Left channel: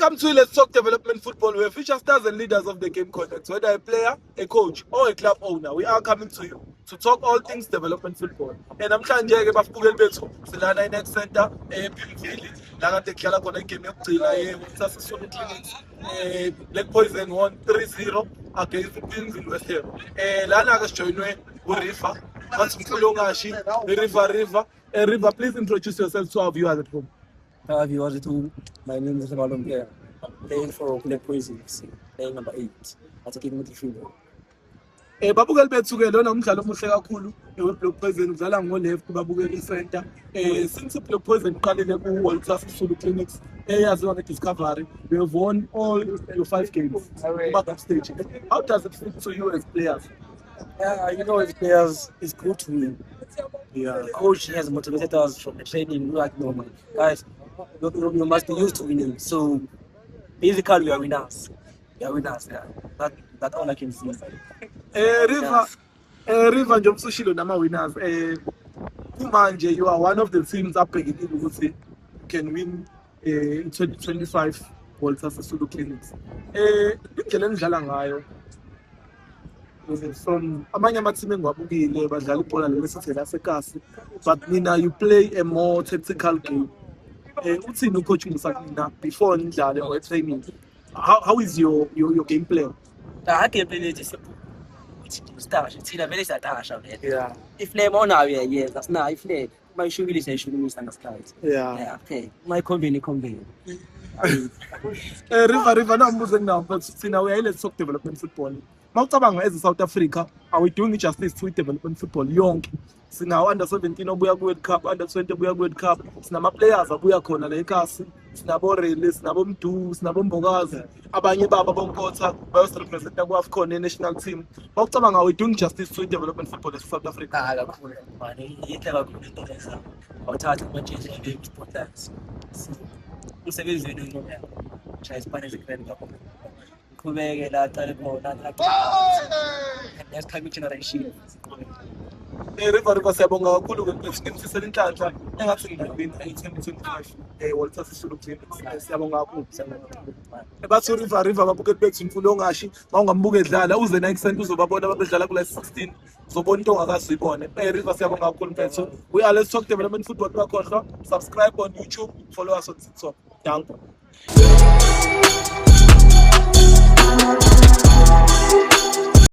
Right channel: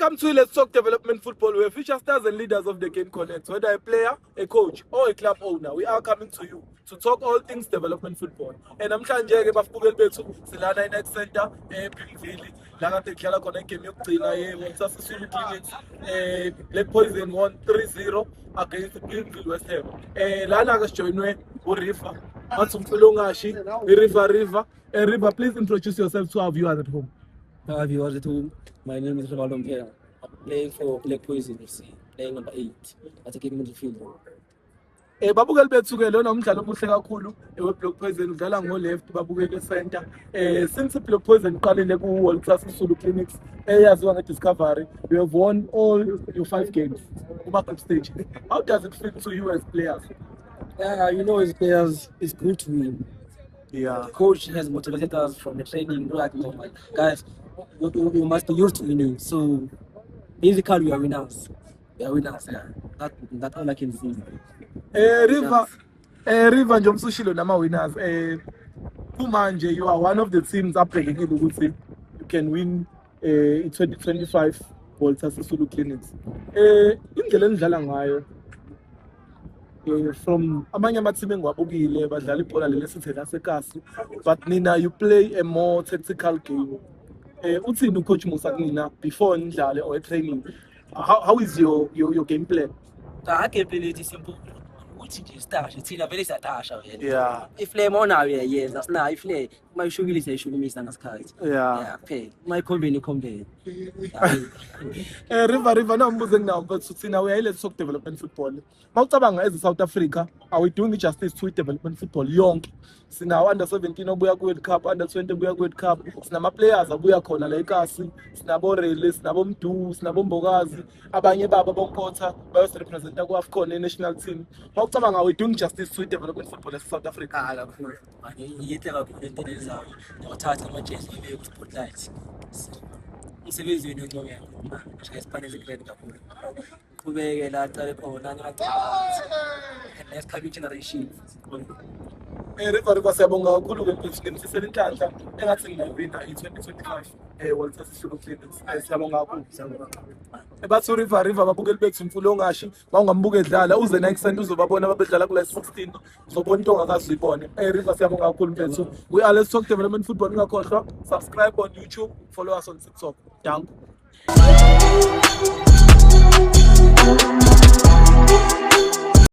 Welcome to Let's Talk Development Football, where future stars and leaders of the game connect. Whether a player, a coach, or a club owner, we are coming to you to talk all things development football. And I'm trying to get bafukeli bethu silana iNext Center ePimville la kade kudlala khona igame yokugcina yeWalter Sisulu Clinics Black Poison 1-3-0 against Pimville West Ham. Lana ke sijoinwe uRiver wathi umfulongashi iRiver. River, please introduce yourself to our viewers at home. Hi viewers at home, my name is Rivaldo Mpela. I'm playing for Black Poison FC, playing number 8, attacking midfielder. Babukeli bethu ke lona umdlalo omuhle kakhulu weBlack Poison udlala ngo-left babukeli e-center. Since Black Poison iqalile ku-Walter Sisulu Clinics eyaziwa nge-Discovery, we have won all your 5 games kuma-group stage. How does it feel to you as players? As players, it's good to win. Yeah, coach has motivated us from the training. Like, no, man, guys, you must be used to winning. So, basically, we are winners. We are winners. Yeah, that's all I can say. River nje umsushilo nama winners. Kumanje you are one of the teams abhekekile ukuthi you can win 2025 Walter Sisulu Clinics. Indlela enidlala ngayo from amanye amateam engiwabukile badlala ibhola lesithi lasekasi, but nina you play a more tactical game. Uthini ucoach Musa kunina before nidlale or training? How is your game plan? Game plan is simple. Start thina vele siyatasha vele. Yeah. If play more now, yes, that's now. If play my shugili sayishugumisa ngasikhathi. Yeah. Okay. My combine. River na mbuze nginawo mfethu thina we Let's Talk Development Football. Mawucabanga as South Africa, are we doing justice to development football yonke? Sinawo under 17 obuya ku World Cup, under 20 obuya ku World Cup. Sinama players abuya khona la eKasi, sinabo Rele, sinabo Mdu, sinabo Mbokazi, abanye baba bonkotha bayos representa ku AFCON national team. Mawucabanga are we doing justice to development football as South Africa? Kakhulu man, yinhle kakhulu into lezayo. Awuthatha ama-change abe spotlight. Umsebenzi wenu ngiyona. Shaya isipane ezikreni kakhulu. Qhubeke la aqale khona next coming generation. River siyabonga kakhulu ke mfethu nginisisela inhlanhla engathi ngingawina i-2025 Walter Sisulu Clinics. Siyabonga kakhulu. Bathi River babukeli bethu umfulongashi mawungambuka edlala uze iNext Center uzobabona abadlala kule 16 uzobona into ongakazuyibone. River siyabonga kakhulu mfethu. We are Let's Talk Development Football. Ungakhohlwa subscribe on YouTube, follow us on TikTok. Danko.